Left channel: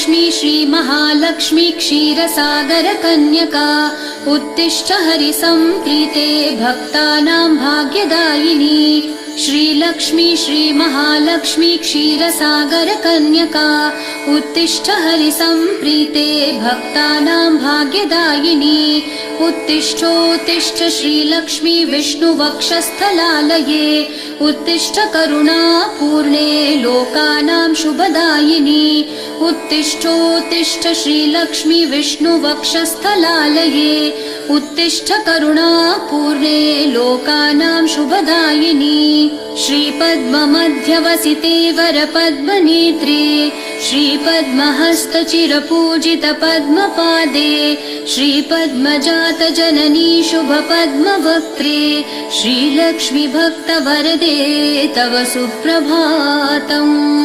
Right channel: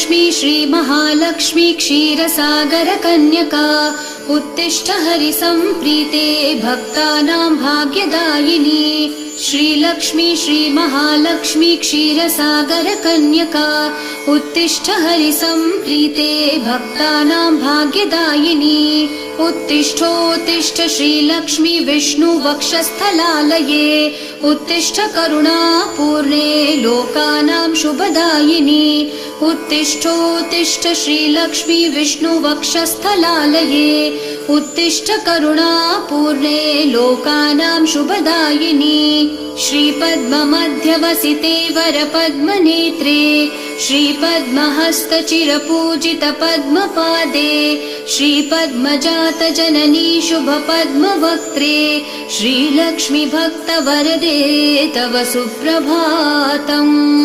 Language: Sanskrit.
श्रीलक्ष्मी श्रीमहालक्ष्मी क्षीरसागरकन्यका उत्तिष्ठ हरिसम्प्रीते भक्तानां भाग्यदायिनी। श्रीलक्ष्मी श्रीमहालक्ष्मी क्षीरसागरकन्यका उत्तिष्ठ हरिसम्प्रीते भक्तानां भाग्यदायिनी। उत्तिष्ठोत्तिष्ठ श्रीलक्ष्मी विष्णुवक्षस्थलालये उत्तिष्ठ करुणापूर्णे लोकानां शुभदायिनी। उत्तिष्ठोत्तिष्ठ श्रीलक्ष्मी विष्णुवक्षस्थलालये उत्तिष्ठ करुणापूर्णे लोकानां शुभदायिनी। श्रीपद्ममध्यवसिते वरपद्मनेत्रे श्रीपद्महस्तचिरपूजित पद्मपादे श्रीपद्मजातजननी शुभपद्मवक्त्रे श्रीलक्ष्मी भक्तवरदे तव सुप्रभातम्।